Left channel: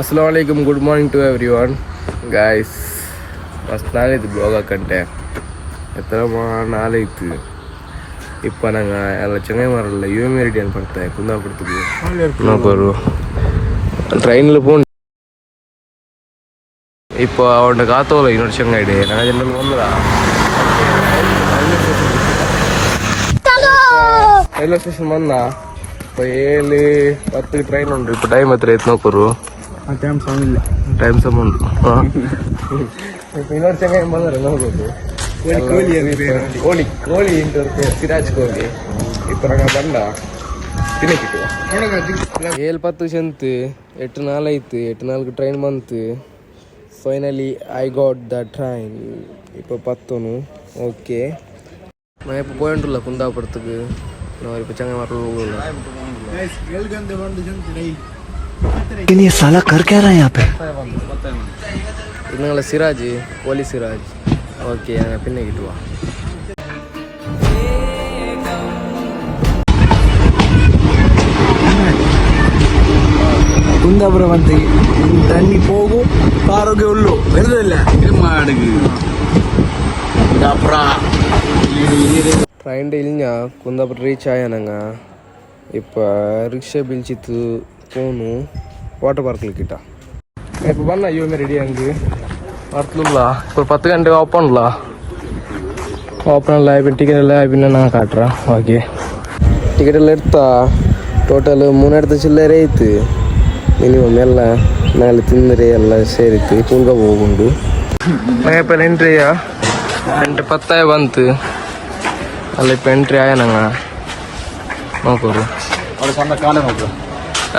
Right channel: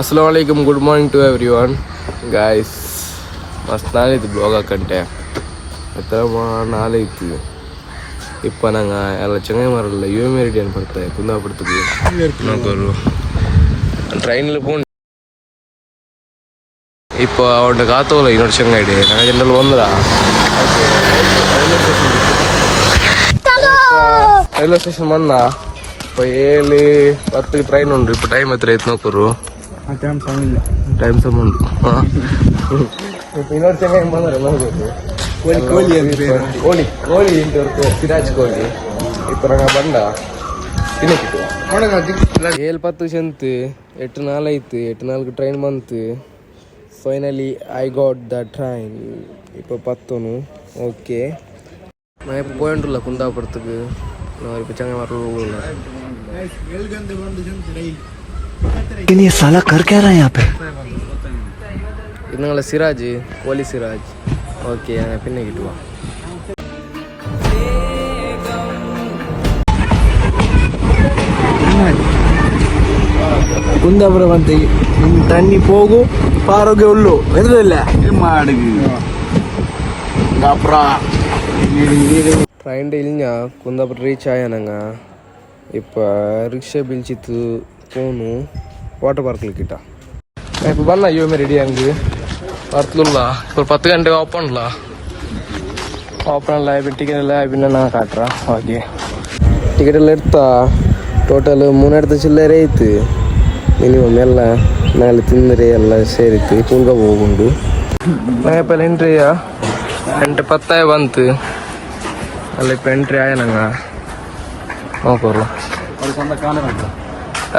Assalamualaikum, good morning to everyone. Guys, ಮಸ್ತ್ ನಾಳಿತ್ತು blog ಹಾಕಂಟೆ ಎತ್ತರ ನಾಳಿತ್ತು ಇಪ್ಪ ನಂಗೆ ಎಲ್ಲ ಚೆನ್ನೈ ಮಾರಲ್ಲ ಯು ಎಮ್ ರೆಡಿ ಅನ್ಪಡ್ತಾಯಿ ಕುಂದಾಪುರத்துக்கு ನೋಕೋರು ಟ್ರೈನಿல் போகணும். இப்போ அவன்கிட்ட காத்தோல இன்னொரு செங்காயிடு நாங்கள் ஜென்ரல் வந்துடா ரயில்வே ஸ்டேஷன் வந்தா இப்போ 7:10 ಟ್ರೈನ್ ಉಂಟು. இப்போ ಟೈಮ್ ಹತ್ರ ಐತೆ ನೋಕೋರು ಟೈಮ್ ಸಂಬಂಧ இப்போ இன்னொரு செங்காயம் ಬಂದರೆ ನೋಡ್ಬೋದು கோழி சிராஜ் கோழி இப்போ நாங்கள் ಬಂಡ ತಿನ್ನಕ್ಕಿಟ್ಟು 7:10 ಸಂತು 8 ನಾಲ್ ಐತು 8 ನಾಲ್ಕು ಟ್ರೈನ್ ಬಂತು. Finally I got the train. இப்போ 10 ஓகே. நான் இப்போ போயிட்டுல குந்தாபுரத்துக்கு நான் இப்போ செங்கை வரல. ये साला कर क्या रहा है यहाँ पे? இன்னங்கள சிராஜ் கோழி சிராஜ் ஓகே பின்னிக்கிட்டு வா. ಕುಂದಾಪುರ ಬಂತ ತಣ್ಣಿ ಹೋಗು ಆರೋಗ್ಯ ಉಳ್ಳು ಇಲ್ಲ ట్రైన్ ఇల్లినా కుందాపూర్ రీచ్ అయ్యానంగ. இப்போ ரிக்ஷா பிடிச்சிட்டு போகணும் வாட்டர் பார்க்கில் கிட்ட. இப்போ பண்ணா ஐயோமே ரெடி அங்கே வரத்துலா இப்போ 10 ಗಂಟೆಗೆ ஓப்பன்ல இப்போ டிக்கெட் எல்லாம் எப்படின்னு காட்டுறேன். ஓகே டிக்கெட் எல்லாம் எடுத்தா ಟೋಟಲ್ 3 இடத்து ಚಿಲ್ಲರೆ ಐತಿ. ಮಿನಿಮಮ್ ಎಲ್ಲ ಮೇಲೆ ತಿಂದರೆ ಎಲ್ಲ ಸೇರಿತ್ತು ಪೂಲ್ಗ ಹೋಗುಂಡು. ഇപ്പോൾ ಎಂಟ್ರಿಯ 8:10 ಬಂತು ಅಲ್ಲ. இப்போ ಎಂಟ್ರಿ ಆಯ ನಂಗ ನೋಕೋರು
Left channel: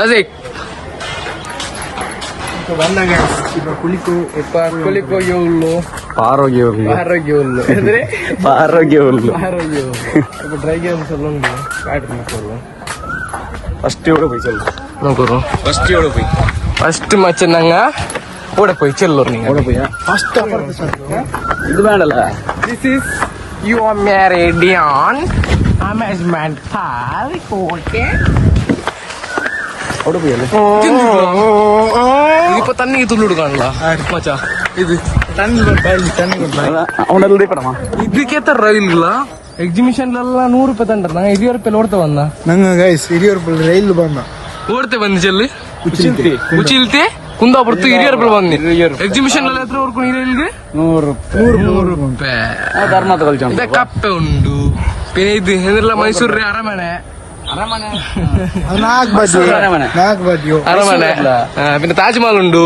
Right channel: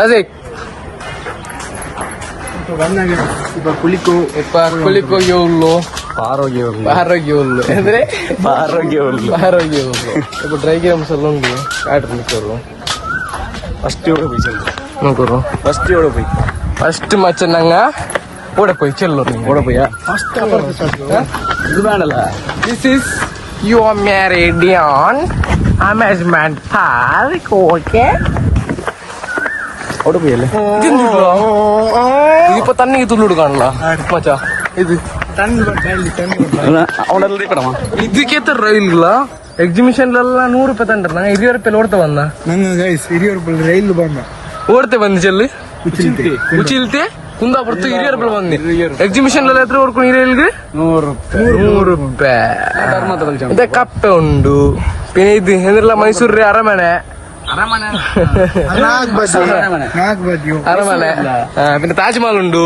ಅದೇ இப்போ ಕುಳಿಕೋ ಏಳು ಆರೋಗ್ಯ ಉಳ್ಳು ಅಂದರೆ ಆರೋಗ್ಯ இப்போ ட்ரை கேம்ஸ் எல்லாம் உண்டு காட்டு நிற்கிறோம். ஃபர்ஸ்ட் மச்சம் நாங்க ஓட போய் செல்லோம். நீங்க ஓட போய் this is your Meridian amusement park. Okay இப்ப தண்ணி துள்ளுடு காணலாம் மச்சா. இது ಇದಕ್ಕೆ ರೈಲ್ಗಳಾ ಎಕ್ಸಿಬಿಷನ್ ಎಲ್ಲ 100 ರೂಪಾಯಿ ತಂಡ್ರ. ನಂಗೆ 20 ರೂಪಾಯಿ ಓಡ್ತಾ ಬಂದ ನಂಗೆ ಗೈಸ್ 20 ರೂಪಾಯಿ ರೈಲ್ ಬಂದ ಓಡ್ತೆ ಬಂದು ಚೆಲ್ಲಿ ಉಚಿಲ್ತೆ ಕುಂದಾಪುರತ್ತು 20 ರೂಪಾಯಿ ಬಂದಿ. ಎಕ್ಸಿಬಿಷನ್ ಎಲ್ಲ ಎತ್ರ ಓಡ್ಕೊಂಡು ರೈಲ್ಗೆ 100 ರೂಪಾಯಿ. ಇದೇ ಕಪ್ಪೆ ಉಂಡು പിന്നെ ഇത് എന്നുള്ള മൈസൂർ അരമನೆ പിന്നെ ತಾಜ್ಮಹಲ್ ಉಂಡು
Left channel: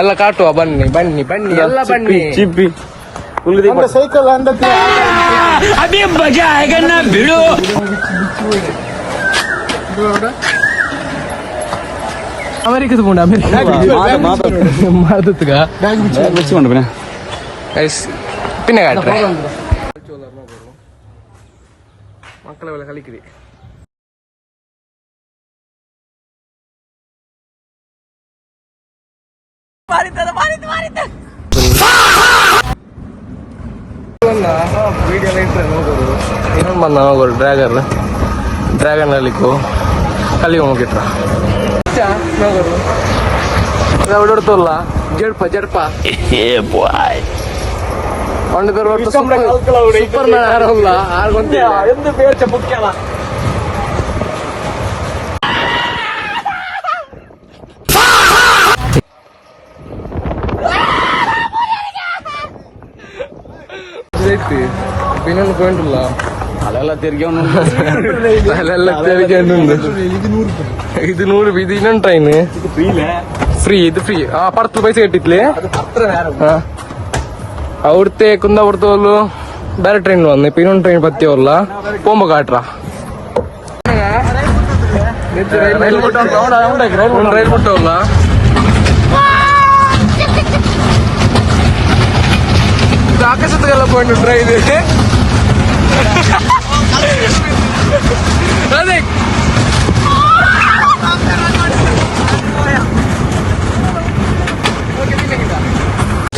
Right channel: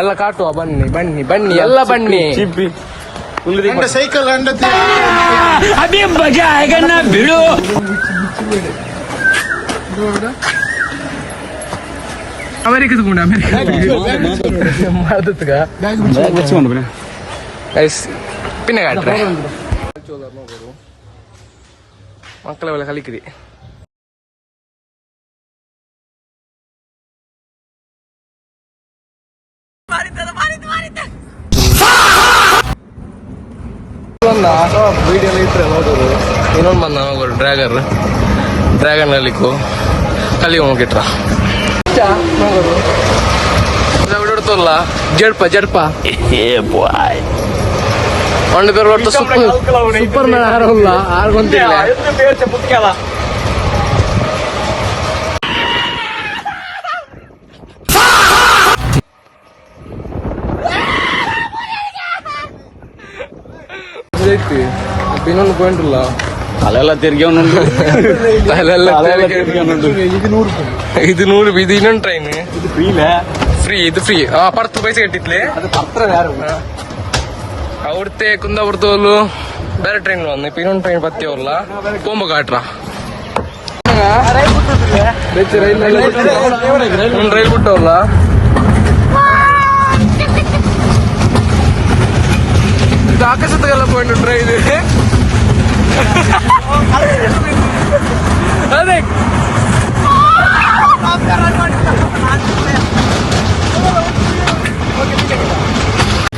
ಎಲ್ಲ ಕಾಟುವ. ಬನ್ನಿ ಎಲ್ಲ ಬನ್ನಿ. ಸೈಕಲ್ ಬಿಡು ಅಮೆರಿಕದ ಪುಂಡ പിന്നെ കാട്ടെ മക്കളെ പോലെ കളിക്കടി. ವಿಡಿಯೋ ಇಟ್ರೆ ನೋಗೋರು ಇನ್ನೊಂದು ಬಂದ ನೋಗೋರು ಡ್ರ್ಯಾಗನ್ ಕಲಿ ಹೋಗಿಟ್ರ ನೋಗೋರು ಹೊಡೋಡ್ತಲ್ಲ ಜಡ್ಪ ಒಂದು ಪೇರು ಹೊಡ್ತ ಸೂಪರ್ ಮ್ಯಾನ್ ಆರಲ್ಲ ಆರ್ಗೊಂತಿಲ್ಲ. ಇನ್ನೊಂದು ಪಾಯಿಂಟ್ ಇಲ್ಲ ತಲೆಲ್ಲ ತೆರಿಗೆ ಇದು 100 ರೂಪಾಯಿ. ಇದು ಇನ್ನೊಂದು ಟ್ರೈನ್ ಇದು ಫ್ರೀ 10 ಪೈಸೆ ಕಟ್ಟಿತ್ಲೆ ಅವ್ರത്തെ ಕುಂದಾಪುರத்து వాళ్ళు ಬೇರೆ ಟ್ರೈನ್ వస్తుంది. இப்போ இன்னொன்று ட்ரெயின் பற்றி வரல போம்ப காட்டுறா ரயில் ಬಿಟ್ಟು வரல. இது ஆகாசத்துக்கெல்லாம் போயிட்டு ட்ரெயின் ಅದೇ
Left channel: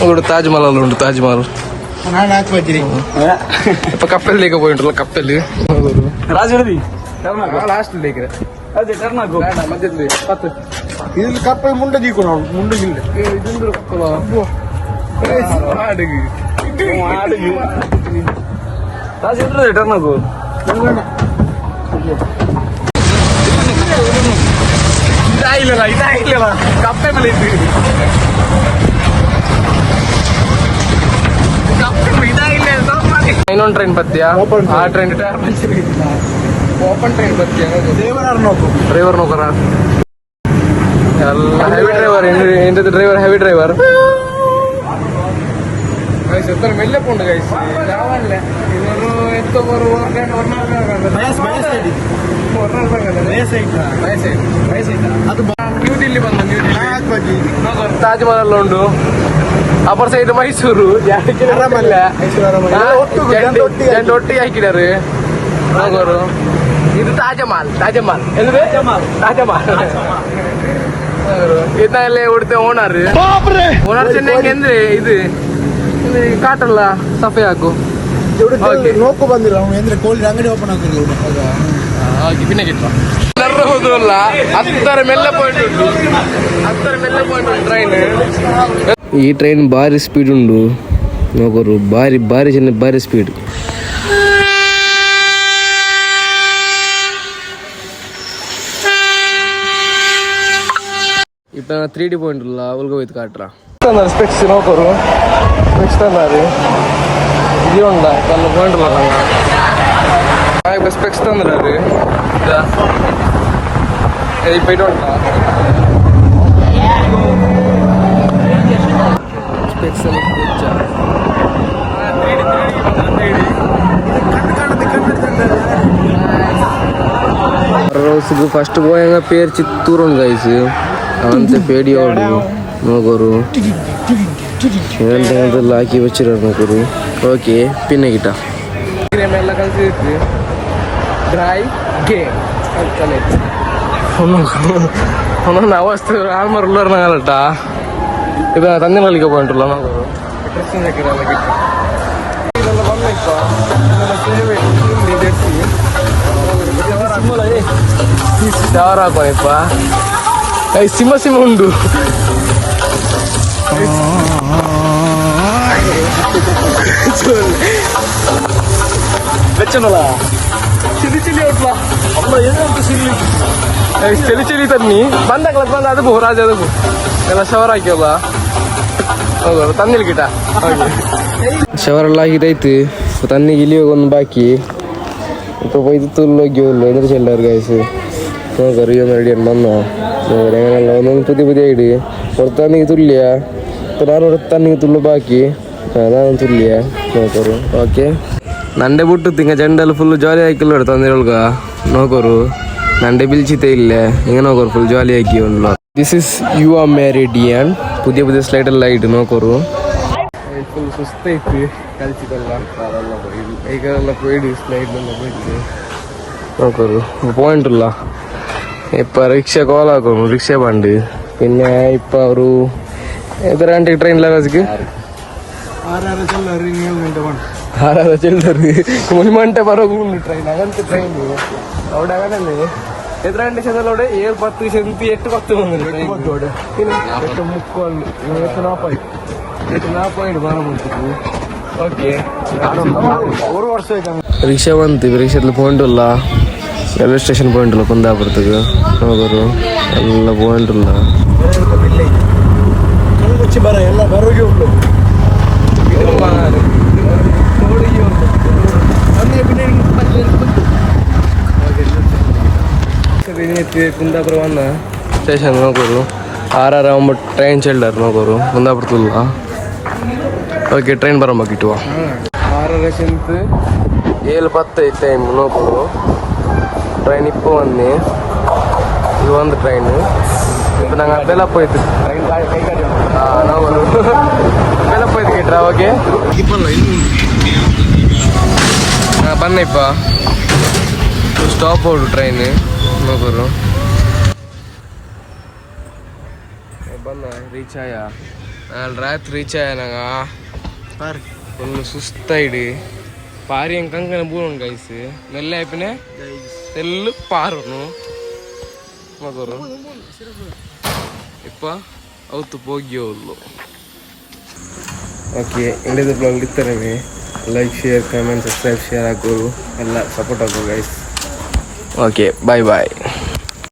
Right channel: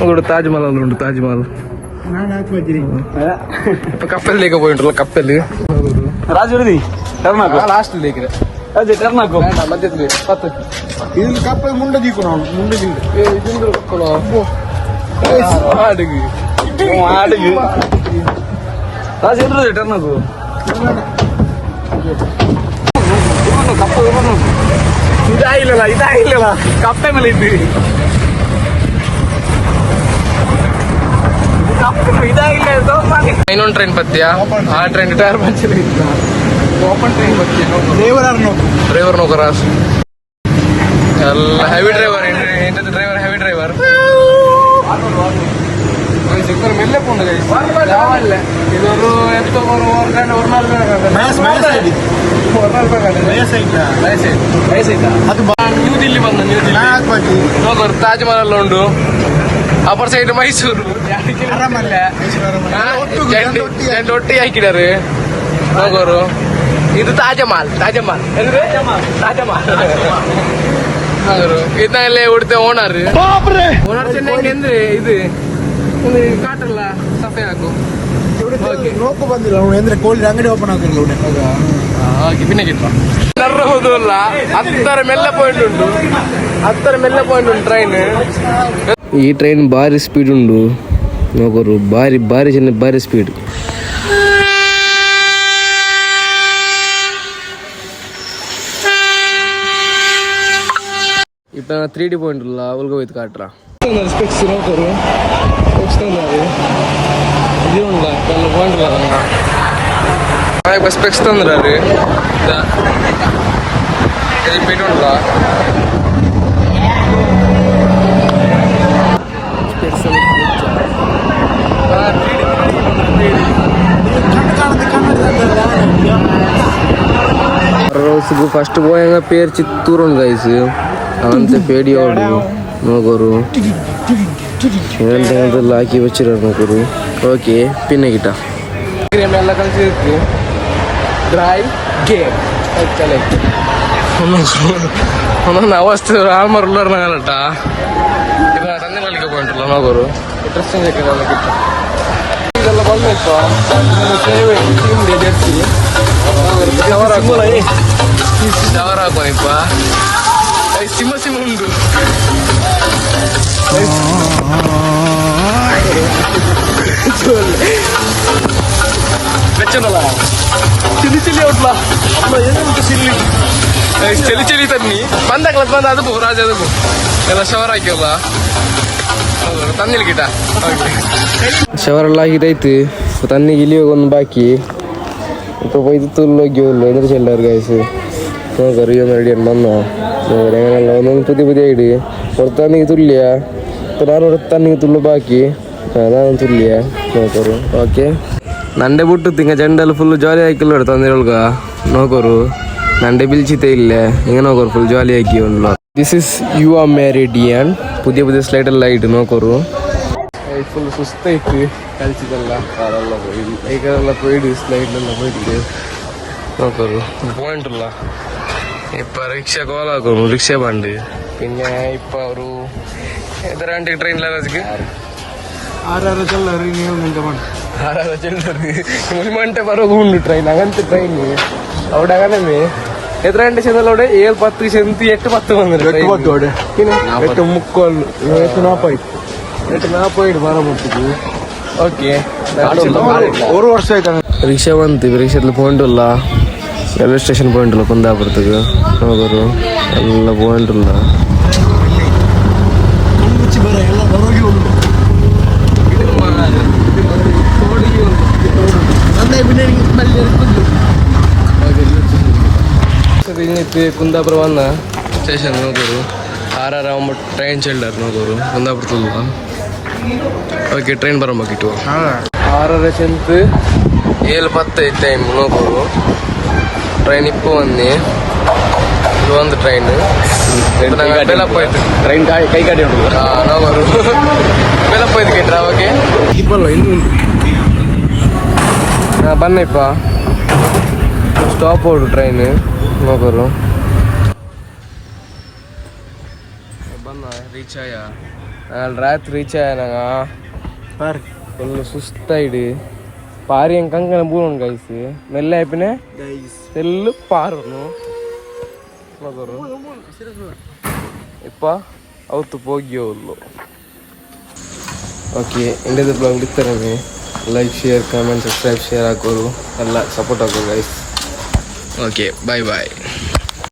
ஒரு தாஜ்மஹால் உண்டு. தாஜ்மஹால் இப்ப கப்பல் தேக்க போயிட்டு கப்பல் ராஜ் லாஸ்ட் தேக்கிறேன். ಅದೇ ಟರ್ನ್ ಹಾಕು ಬೇಡ ಮಧ್ಯದಲ್ಲಿ 10 ಇದು ಕಪ್ಪ ಮುಂದೆ ದೀಕು ನಾವು ಮುಂದೆ ಇದೊಂದು ಮಕ್ಕಳು ಹಾಡಿಗೆ ಆಡಿಗೆ ರಾಜೇಂದ್ರ ಟರ್ನ್ ಹಾಕು ಇದಾಗಿಲ್ಲ ಕಪ್ಪೆ ಮೇಲೆ ಇದ್ವಿ ಇನ್ನೊಂದು ಟ್ರೈನ್ ಬತ್ತೀಯಾ ಆ train tyre puncture open train ಬತ್ತೀಯಾ ಡ್ರೈವರ್ ನೌಕರ ಎಲ್ಲ ಹೆವಿ ಡ್ರೈವರ್ ಎಂಟದ ಡ್ರೈವರ್ ಹೆವಿ ಡ್ರೈವರ್ ಮೆಲ್ಲೆ ಪೋಂಡು ಗೈಸ್ ಯಾವಲ್ಲ ಇದೊಂದು ಎಂತ ನ್ಯೂ ದಿಲ್ಲಿ ಬಂದ ನ್ಯೂ ದಿಲ್ಲಿ ನೋಡ್ರಿ ತಾಜ್ ಮಹಲ್ ಉಂಡು ಅಪರ್ ಸೈಡ್ ಮೈಸೂರು ಜಂಡು ಒಟ್ಟಿಗೆ ಹಾಕಿದಾರೆ ನೋಗೋರು ಇದು ತಾಜಮಹಲ್ ಅಂದ್ರೆ ತಾಜಮಹಲ್ ನೋಗೋರು ಇದನ್ನೆಲ್ಲ ಉಡ್ತೆ ಓನರ್ ಚೆನ್ನಂಗೆ ಅಂದ್ರೆ ಇದು ಕಾಟಲ್ಲ ಸಫೆ ಹಾಕು ನೋಕು ಬಂದಿಲ್ಲ ಅಂದ್ರೆ ಕೋಳಿ ಅಂಗಡಿ ಓಪನ್ ಆಗ್ತಿಲ್ಲ ಹಾಗೆ ಪಿನ್ನಗಿಟ್ಟ ನರ್ರಬಹುದು ಅಲ್ಲ 10 ಮೆಲ್ಲ ಪಾಯಿಂಟ್ ಉಂಟು ಟ್ರೈನ್ ಈ ಟ್ರೈನ್ ಭಾರಿ ಸ್ಪೀಡ್ ಉಂಡು ನೋಗೋರು ಭಾರಿ ಜನ ಭಾರಿ ಸ್ಪೀಡ್ ಇಪ್ಪ 3D ಪಾಯಿಂಟ್ ಇಲ್ಲ ಅವಲ್ಗ ಹೋಯ್ತು ಕಾಟ್ರ ಸ್ಪೆಕ್ಸ್ ನೋಕೋರು ಸ್ಪೆಕ್ಸ್ ತಂದಾರೆ ಇದು ಉಂಡ ತನ್ನ ಪಾಯಿಂಟ್ ಇಲ್ಲ ನಂಗೆ ಸ್ಪೆಕ್ಸ್ ತಂದ್ರ ರೀ ಉಂಟ ಸ್ಪೆಕ್ಸಲ್ಲಿ రోజుకు ఫస్ట్ పోయంగా పేరు చిత్తూరు గైస్ అంతే పేడియోడు నోగోరు ఏంటంటే లాకి వచ్చిరారు నోగోరు ఓಕೆ ಪಿನ್ನ ಗಿಟ ಎಲ್ಲ ಕಲಿಸಿದ್ವಿ ಡ್ರೈ ಗೇಮ್ ಒಂದೊಂದು ಅವಸ್ಥೆ ಆಲ್ಮಾರ್ ಉಳ್ಳಾರ ನಾಗಲಟ ಇದು ತಂದೆ ಮಲ್ಲಿಗೆ ಪಾಯಿಂಟಲ್ಲ ನೋಗೋರು ಡ್ರೆಸ್ಸಿಂಗ್ ಎಲ್ಲ ಗಿಟ್ಟ ಇದೆಲ್ಲ ಬಂದಪ್ಪ ತಿಂದೆ ಜರ್ಸಿ ಶವರ್ ಹಾಕೋನಿಪ್ಪ ಸಿಂಹ ಉಂಡು ಚಿಲಿ ಔಟ್ಲಾ ಚಲಿ ತನ್ನಿ ಬಂದಾಗ್ಲ ಬಂದ ಅದಕ್ಕೂ ರಾಜ ಅದಕ್ಕೂ ಎಲ್ಲ ಶವರ್ ಹಾಕಿವಲ್ಲ ಹೌದು ತನ್ನಿಲ್ ಗಿಟ ಶವರ್ ಎಲ್ಲ ಆಗಿದೈತಿ ತನ್ನಿಗೆ ಇಲ್ಲಿ ಒಂದು ಬಾಕಿ ഇപ്പോൾ പോയി തുള്ളോക്കിയല്ലോ എന്നിട്ട് ചെല്ലാറ് ഗൈസ് നോക്കറിയോ റെഡിയാണ് വന്നോ അങ്ങനെയല്ല ഒന്നും പുതിയ ഐഡ് പുറത്താണെങ്കിൽ തുല്യ ഇപ്പം ഞാൻ പുറത്താണെങ്കിൽ തുള്ളു ബാക്കി അതാണ് തുല്യ നോക്കರು ಓಕೆ ನಂಡೆ ಬಿಟ್ಟು ತಿಂಗ ಜಂಡಲ್ಲಿ ಫುಲ್ ಜಾಲಿ ಹಾಕಿಲ್ಲ ತಂದಿರೊಳ್ಗ ನೋಕೋರು ನಂಡೆ ಬಿಲ್ಚಿತೆ ಇಲ್ಲೇ ಹಿಂಗೆ ನೋಕೋರು ಫುಲ್ ಜಾಲಿ ಹಾಕಿ ಒಂದು this is you are meridian പുതിയ ಸ್ಲೈಡೆಲ್ಲ ಐಟು ನೋಕೋರು ಫುಲ್ ಸುಸ್ತೈತಿ കളിച്ചിട്ടല്ല കാലെല്ലാം പോയി ബൈക്കെല്ലാം പോയിട്ട് സ്ലൈഡിലെല്ലാം പോയിട്ട് നോക്കൂ പോയിട്ടില്ല ഇപ്പൊ റിക്ഷ കോലാക്കുന്നു റിക്ഷ പണ്ട് പിന്നെ ഇപ്പൊ ഒരു എത്ര ഗಂಟೆಗೆ ಟ್ರೈನ್ ಲಗಜ್ಗೆ 6 ಚೆಲ್ಲರು 7 ಗಂಟೆ ಮಾಡಿ 6 ಚೆಲ್ಲರು 1 ಗಂಟೆ ಬರೋದು ಉಂಟು ಟ್ರೈನ್ ಆಗಂತ ಟ್ರೈನ್ അവിടെ അങ്ങനെ എത്ര ഗಂಟೆ ചെന്നല്ല അവിടെ 7:10 ചെന്ന് 8:10 വന്നിട്ട് 8:40 ಬರೋಬಿಡ್ತೀವಿ ಓಕೆ ರಿಕ್ಷಾ ಬಂತೀವಿ ರಿಕ್ಷಾದಲ್ಲಿ ಪಾಯಿಂಟ್ ಇಲ್ಲ ರೈಲ್ವೆ ಸ್ಟೇಷನ್ ಪಾಯಿಂಟ್ ಇಲ್ಲ ಕುಂದಾಪುರத்துக்கு ಹೋಗೋರು ಎಲ್ಲ ಪಾಯಿಂಟ್ ಇಲ್ಲ ಕುಂದಾಪುರ ಬಂದ ಸ್ಟೇಷನ್ ನೋಗೋರು 6 ಟ್ರೈನ್ ಚೆಲ್ಲಾರು ನೋಗೋರು ಕುಂದಾಪುರ ತುಲ್ಲ ಓಕೆ ಟ್ರೈನ್ ಬರೋಂಬಕ್ಕಿಟ್ಟುವ 6 ಚೆಂತು 7:10 ಟೈಮ್ ನೋಗೋರು ಟ್ರೈನ್ ಇಪ್ಪ ಒಂದೇ ಇದು ಒಂದು ಟ್ರೈನ್ ಇದು ನಂಗೆ ಬೆಲಪ್ಪ ಹೋಯ್ತು ಟ್ರೈನ್ ಕೈ ಗಾಡಿ ನೋಗೋರು ಬೆಲಪ್ಪ ಹೋಯ್ತು ಕೇಟ್ರ ಓಕೆ ಬನ್ನಪ್ಪ ಸ್ಟಾಪ್ ಹೋಡು ಟ್ರೈನ್ ನೋಗೋರು ಬಂದ ರೀಚ್ ಆಯ ನಾಳೆ ರಾತ್ರಿ ರೀಚ್ ಆಯ ನಂಗ ಫುಲ್ ಸುಸ್ತಾಯಿಡಿ ಪಾರಿ ಕಂಕನ ಬೂನು ಗೈಸ್ ಮೆಲ್ಲ ಆಯ್ಪಿನೇ తెల్లు పారును ಮಗರು ಇಪ್ಪ ಅವತ್ತು ಹೋಗ್ಯೋಲ್ಲು. ಓಕೆ, ಇಂಡಿಯಾದ ಬ್ಲಾಗ್ ಇರ್ತಾರೆ. Like, share, comment, subscribe, share ಹಾಕೋದು ಎಲ್ಲ ಸಪೋರ್ಟ್ ಹಾಕೋದು ಗೈಸ್. ಓಕೆ, ಬಾಯ್ ಬಾಯ್.